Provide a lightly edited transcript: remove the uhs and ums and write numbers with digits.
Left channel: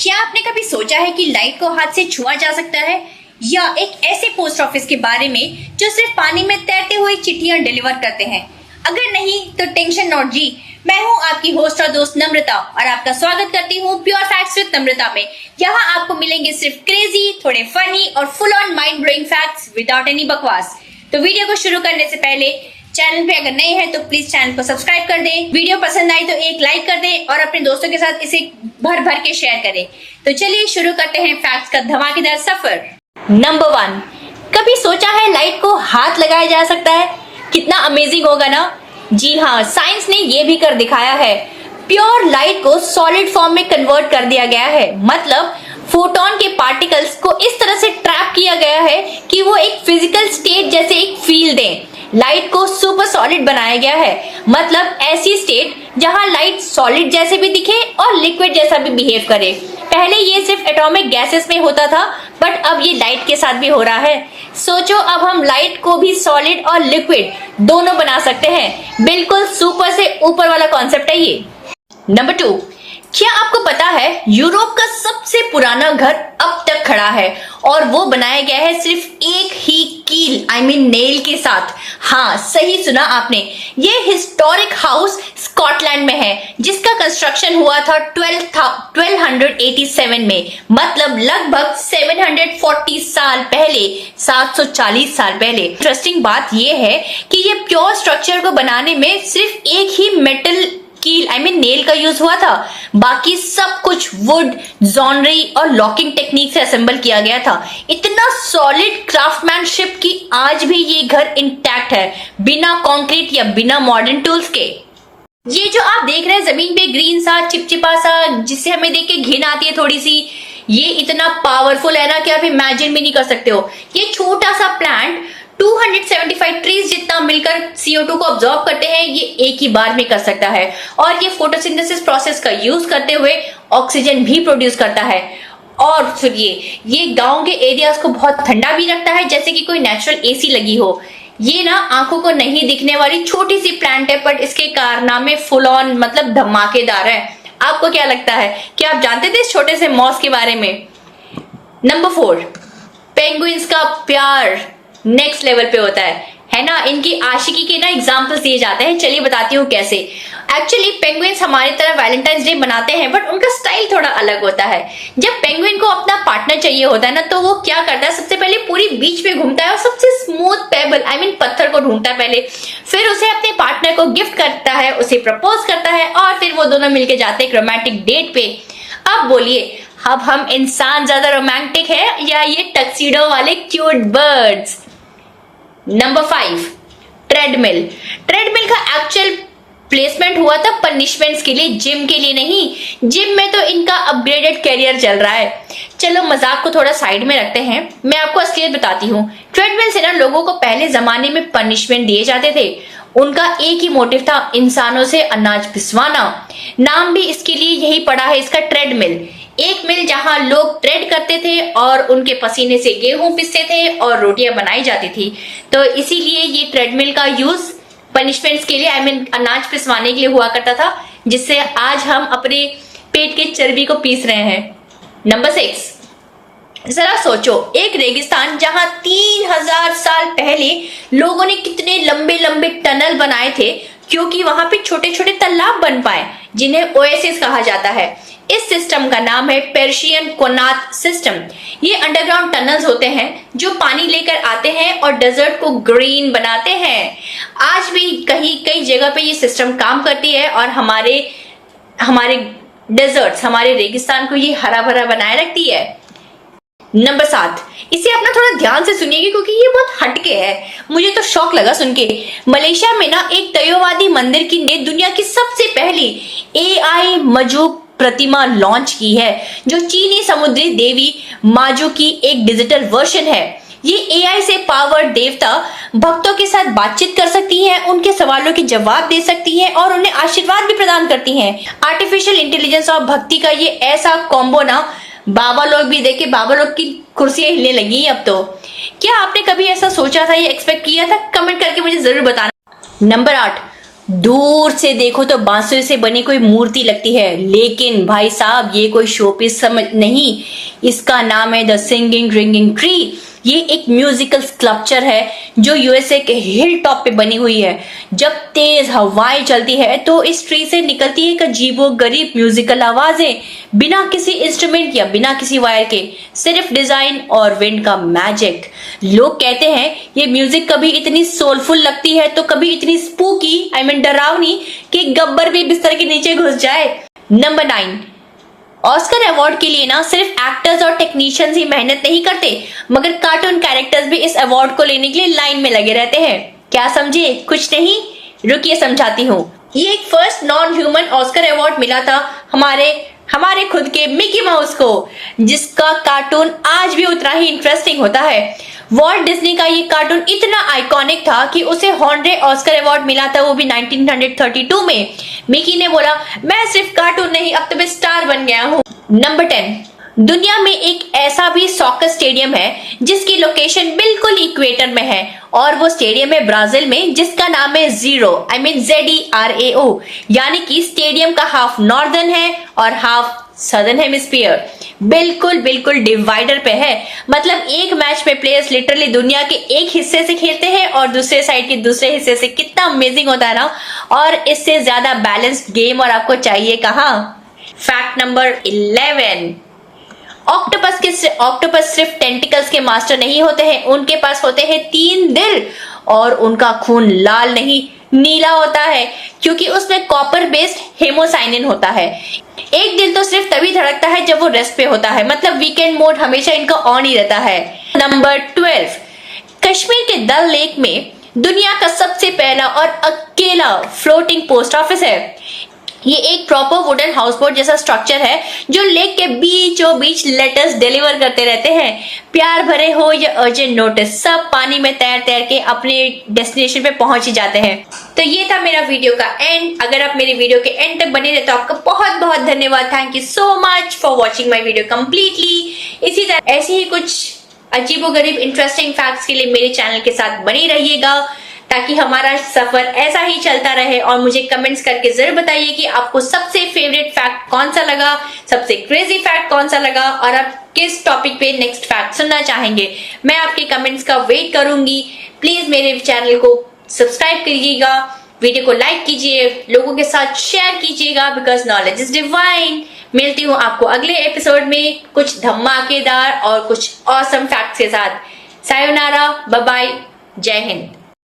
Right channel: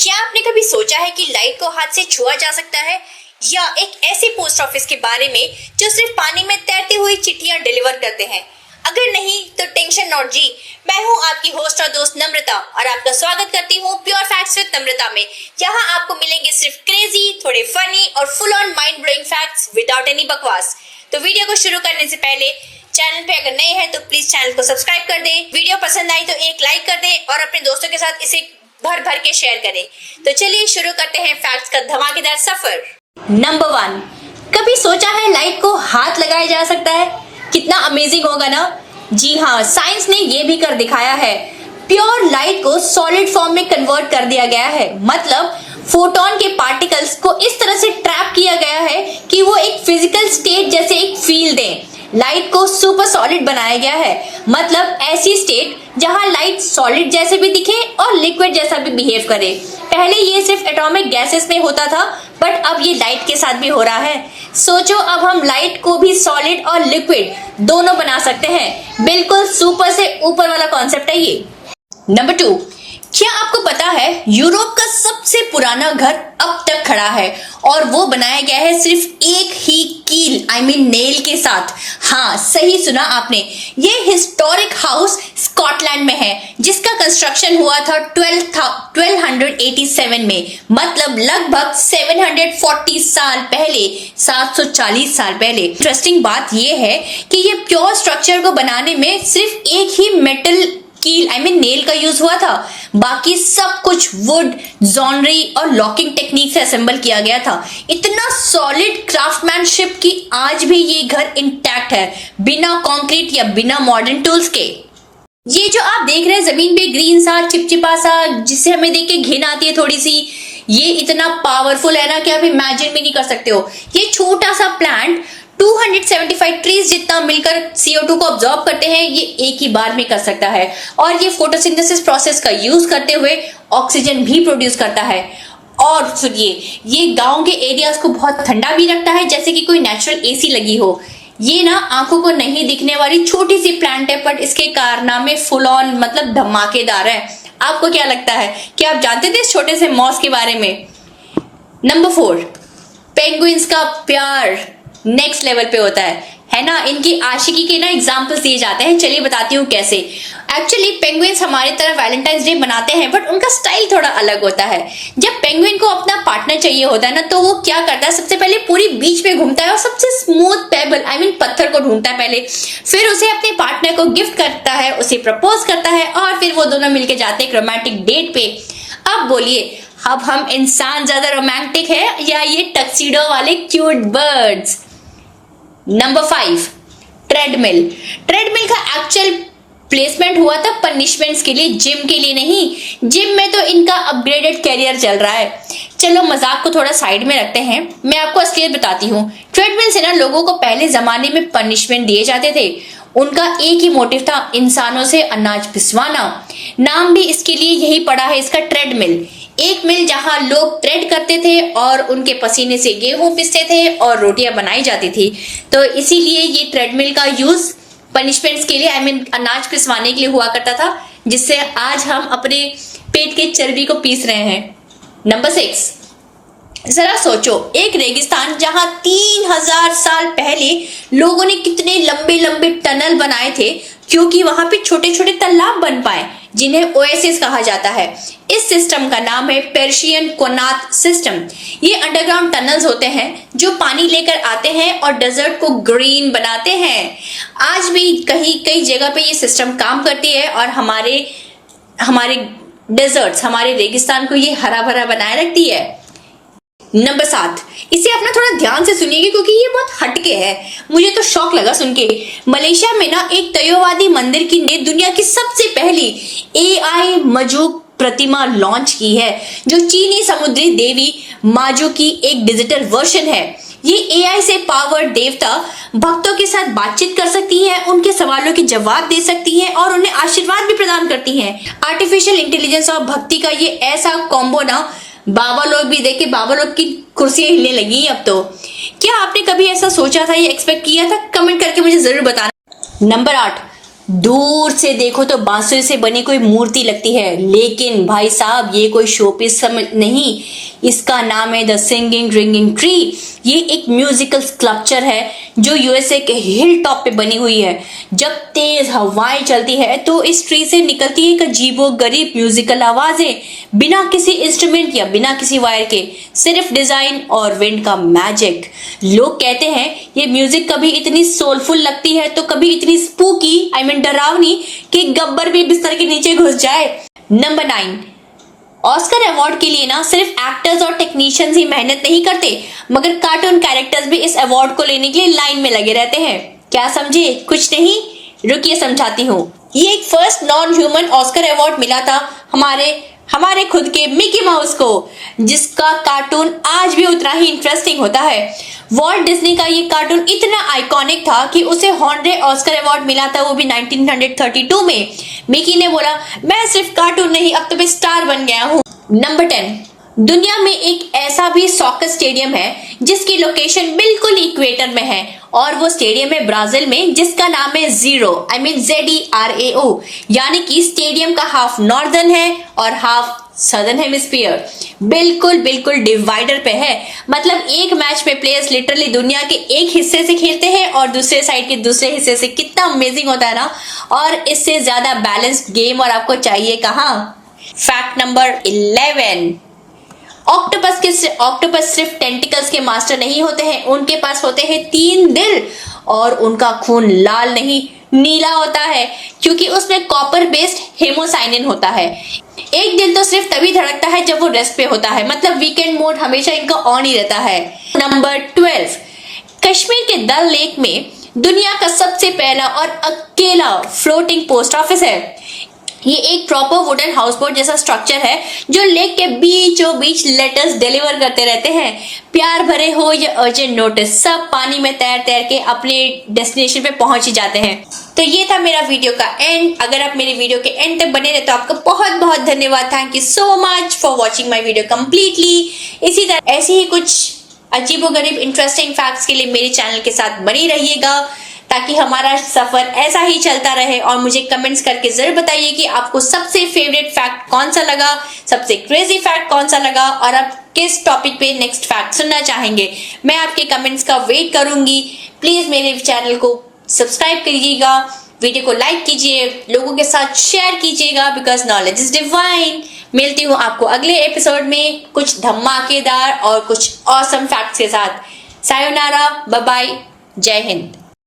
क्या आपने कभी सोचा है कि लाइट को हाथ से छुआ जा सकता है, या एक ऐसे पोस्ट ऑफिस के बारे में जो सिर्फ पानी में तैरती हुई चिट्ठियां डिलीवर करते हैं? अगर नहीं तो टेंशन नॉट जी, मैं हूं आपकी होस्ट और दोस्त नम्रता और आपका स्वागत करती हूं प्योर फैक्ट्स विद नम्रता में। यहाँ आपको मिलेंगे सिर्फ क्रेजी, थोड़े फनी और full on mind blowing facts without any बकवास। तो वीडियो को शुरू करने से पहले चैनल पे अगर नए हैं तो प्लीज चैनल को सब्सक्राइब कर दें, वीडियो पसंद आई तो एक लाइक कर दें और अपने दोस्तों के साथ इसे भर भर के शेयर करें। तो चलिए शुरू करते हैं फैक्ट्स का धमाकेदार सफर। नंबर 1, कभी सोचा है लाइट को हाथ लगाया जा सकता है? कितना अमेजिंग होगा ना। जी हाँ, साइंस ने ये भी कर दिखाया है। प्योर लाइट को सॉलिड फॉर्म में कन्वर्ट कर दिया गया है। मतलब फोटोन के पार्टिकल्स को इस तरह से ट्रैप किया गया है कि वो एक फिजिकल स्टेट जैसे एक फील दें। लाइट को सुपर सॉलिड बनाया गया है। मतलब ऐसी स्टेट जहां लाइट सॉलिड जैसे भी दिखे और लिक्विड जैसा भी बिहेव करे। पहले ये सिर्फ एटॉमिक गैसेस में होता था, बट अब ये लाइट के साथ भी हो रहा है। सोचो, अब हम लाइट को भी सॉलिड और लिक्विड दोनों बना सकते हैं। बिल्कुल सुपर से ऊपर वाला कॉन्सेप्ट है ये। नंबर 2, क्या आपको पता है यूरोप का सबसे पुराना घर अब तक खड़ा है और वो बनाया गया है सिर्फ एक ही कील नेल के साथ। हाँ, सही सुना आपने। ये हिस्टोरिक हाउस स्कॉटलैंड में है जिसका कंस्ट्रक्शन हुआ था 1287 में। मतलब लगभग 740 साल पहले, 740 साल पहले। इंटरेस्टिंग बात ये है कि ये प्योर स्ट्रक्चर को बनाने में सिर्फ एक ही मेटल कील नेल का यूज हुआ था। बाकी सब कुछ वुड, जॉनरी और लॉकिंग टेक्निक से असेंबल किया गया था। इतना सॉलिड क्राफ्टमैनशिप कि आज भी ये घर इंटैक्ट है, बिना कंक्रीट या बिना मॉडर्न टूल्स के। ये जो आप देख रहे हैं जमीन पे ग्रीन सा चिपचिपा सा, जिसे हमें देख के घिन आती है थोड़ी सी, ये इतना पावरफुल है ना कि आप इमेजिन भी नहीं कर सकते हो। ये छोटा सा प्लांट 275 ट्रीज जितना मिलकर CO2 को ऑब्जॉर्ब करते हैं, ये एक ही बार में कर सकता है। और ये फोटोसिंथेसिस प्रोसेस का यूज करते हुए ऑक्सीजन भी प्रोड्यूस करता है। और सुनिए, ये गांव के एरियाज को बहुत ठंडा भी रखता है, जैसे कि कोई नेचुरल AC लगी हो। ये ना आंखों को नहीं दिखने वाली छोटी सी प्लांट है, बट इसके कारनामे फुल ऑन मतलब धमाकेदार है। आपको क्या लगता है कि आप जानते थे इस छोटे से मॉस के बारे में? नंबर 4, पेंगुइन्स का प्यार नेक्स्ट लेवल पे होता है ना। इनकी आशिकी के ना एग्जाम्पल्स दिए जाते हैं। चलिए बताती हूँ कैसे। एक्चुअली पेंगुइन्स हमारी तरह वैलेंटाइंस डे मनाते हैं, बट उनका स्टाइल थोड़ा अलग होता है। जब पेंगुइन को अपना पार्टनर चाहिए होता है ना, तो वो क्या करता है, सबसे पहले पूरी बीच में घूमता है और सबसे स्मूथ पेबल पत्थर को ढूंढता है पहले। फिर उसे अपने पार्टनर को गिफ्ट करता है, उसे प्रपोज करता है और फिर वो दोनों मिलकर जाते हैं एक रोमांटिक डेट पे। अब बोलिए, अब हम इंसान ज्यादा रोमांटिक है या ये टक्सीडो वाले cute birds? Number 5, treadmill. Treadmill का एक्चुअल प्लेसमेंट हुआ था पनिशमेंट्स के लिए, जिम के लिए नहीं। जिम में तो इनका अपग्रेडेड करियर चल रहा है। चलो मजाक को थोड़ा साइड में रखते हैं, मैं आपको असलियत बताती हूँ। ट्रेडमिल से ना लोगों को पहले जमाने में पनिशमेंट दिए जाते थे। उनका एक ही मोटिव था, इंसानों से अनाज पिसवाना। नाम भी इसके लिए यही पड़ा है इसका, ट्रेडमिल। एक मिल जहां लोग ट्रेड करते थे और उनके पसीने से गेहूं पिसते थे और रोटियां बनाई जाती थी। तो इसीलिए ये ट्रेडमिल का यूज पनिशमेंट्स के लिए अनाज पिसवाने के लिए हुआ करता था, जिससे आज हम अपने पेट के चर्बी को पीस रहे हैं। नंबर 6, जरा सोचो, एक रेगिस्तान जहां 3000 साल पहले लोगों ने कितने लंबे लंबे टनल बनाए थे, क्योंकि वहां पे छोटे छोटे तालाब बन पाए जिन्हें ओएसिस कहा जाता है। इस सिस्टम का नाम है पर्शियन कोनात सिस्टम। ये अंडरग्राउंड टनल्स होते हैं जो पानी लेकर आते हैं और डेजर्ट को ग्रीन बनाते हैं। आज भी कई जगह पे ये सिस्टम काम करती है और हमारे डेजर्ट्स, हमारे रेगिस्तान को ये हरा भरा बनाए रखती है। नंबर 7, इसे अपना थोड़ा ध्यान से सुनिएगा क्योंकि ये बहुत हटके है। मुझे तो शौक लगा सुन के। मलेशिया में ना एक तयोवादी मंदिर की ने दुनिया की सबसे पहली AI मजूब प्रतिमा लॉन्च की है, जो चीनी समुद्री देवी माजू की एक डिजिटल वर्जन है। ये AI से पावर देवता भक्तों के साथ बातचीत कर सकती है, उनके सवालों के जवाब दे सकती है और उन्हें आशीर्वाद भी प्रदान करती है। आर्टिफिशियल इंटेलिजेंस और भक्ति का ये ऐसा कॉम्बो ना, बाबा लोग भी देखे, बाबा लोग की कुर्सियां हिलने लगी अब तो। क्या आपने कभी ऐसा सोचा था या एक्सपेक्ट किया था? कमेंट करके मुझे जरूर बताना। नंबर 8, दूर से देखो तो बांसुरी से बनी कोई मूर्ति लगती है, लेकिन भाई साहब ये कोई शोपीस समझ नहीं, इसका नाम है द सिंगिंग रिंगिंग ट्री। ये एक म्यूजिकल स्कल्पचर है जो यूएसए के हिल टॉप पे बनी हुई है। जब तेज हवाएं चलती है तो इस ट्री से निकलती है एक अजीबोगरीब म्यूजिकल आवाजें, बिना किसी इंस्ट्रूमेंट या बिना किसी वायर के, सिर्फ डिजाइन और विंड का मैजिक। लोग कहते हैं ये म्यूजिक कभी इतनी सोलफुल लगती है तो कभी इतनी स्पूकी डरावनी कि गब्बर भी बिस्तर के नीचे घुस जाए। नंबर 9, ऑस्कर अवार्ड के लिए ना सिर्फ एक्टर्स और टेक्नीशियंस ही मेहनत नहीं करते, मगर कार्टून कैरेक्टर्स भी इस अवार्ड को लेने के लिए लाइन में लगे रहते हैं। क्या समझे? कुछ नहीं, रुकिए समझाती हूँ। ये एक first non human Oscar award मिला था हमारे खुद के मिकी माउस को, जिसका कार्टून आज भी उतना ही इंटरेस्टिंग होता है। वॉल्ट डिज्नी का ये कार्टून इतना आइकॉनिक था कि उसे हॉनरे ऑस्कर अवार्ड मिला था, वो भी 1932 में। मिकी ने बोला, मैं सिर्फ कार्टून नहीं, अब तो मैं स्टार बन गया हूँ। नंबर 10, दुनिया में एक ऐसा भी सॉकर स्टेडियम है जिसकी लोकेशन बिल्कुल इक्वेटर में है, और वो स्टेडियम है ब्राजील में, जिसका नाम है ZERAO, यानी कि स्टेडियम का हाफ नॉर्दर्न है और हाफ सदर्न हेमिस्फीयर। बिल्कुल डिवाइडर पे है। मतलब एक मैच में प्लेयर्स लिटरली दुनिया के एक हिस्से से खेलते हैं और दूसरे साइड के दूसरे हिस्से से। कितना अमेजिंग होता है ना, और इससे ज्यादा बैलेंस्ड गेम और आपको चाहिए कहाँ। फैक्ट नंबर 11, ऑक्टोपस सिर्फ टेंटिकल्स के मास्टर नहीं होते हैं, उनके पास होते हैं 3 दिल, और उनका खून लाल नहीं नीला होता है, क्योंकि उसमें कॉपर बेस्ड हेमोसाइनिन होता है। एक दिल तो सिर्फ तभी धड़कता है जब वो रेस्ट पे होता है, मतलब वीकेंड मोड हमेशा इनका ऑन ही रहता है। नंबर 12, कश्मीर के डल लेक में दुनिया का सबसे पहला और अकेला फ्लोटिंग पोस्ट ऑफिस है। ये एक प्रॉपर वुडन हाउस बोट जैसा स्ट्रक्चर है जो लेक के बीचों बीच लेटर्स डिलीवर करते रहते हैं। प्यार भरे हो या अर्जेंट नोटिस, सब पानी में तैर के अपने डेस्टिनेशन पे पहुंच ही जाते हैं। तो ये था मेरा वीडियो का एंड। अगर आप मेरे वीडियो के एंड तक बने रहे तो आपका बहुत बहुत धन्यवाद। Thank you so much for watching my video completely. इसी तरह ऐसे ही कुछ अजीबोगरीब इंटरेस्टिंग फैक्ट्स के लिए मेरे चैनल के साथ बनी रहिएगा, ताकि हमारा सफर ऐसा ही चलता रहे। और मुझे कमेंट्स करके जरूर बताइए कि आपको सबसे फेवरेट फैक्ट कौन सा लगा, सबसे क्रेजी फैक्ट कौन सा लगा, और आप किस टॉपिक पे नेक्स्ट फैक्ट सुनना चाहेंगे। मैं आपके कमेंट्स का वेट करूंगी। प्लीज मेरे चैनल को सब्सक्राइब करिएगा, वीडियो को लाइक कीजिए, लोगों के साथ शेयर कीजिएगा, बिकॉज नॉलेज इज डिवाइन। मिलती हूँ आपको अगले एपिसोड में कुछ धमाकेदार और कुछ ऑसम फैक्ट्स के साथ। सायोनारा, बाय बाय, जय हिंद।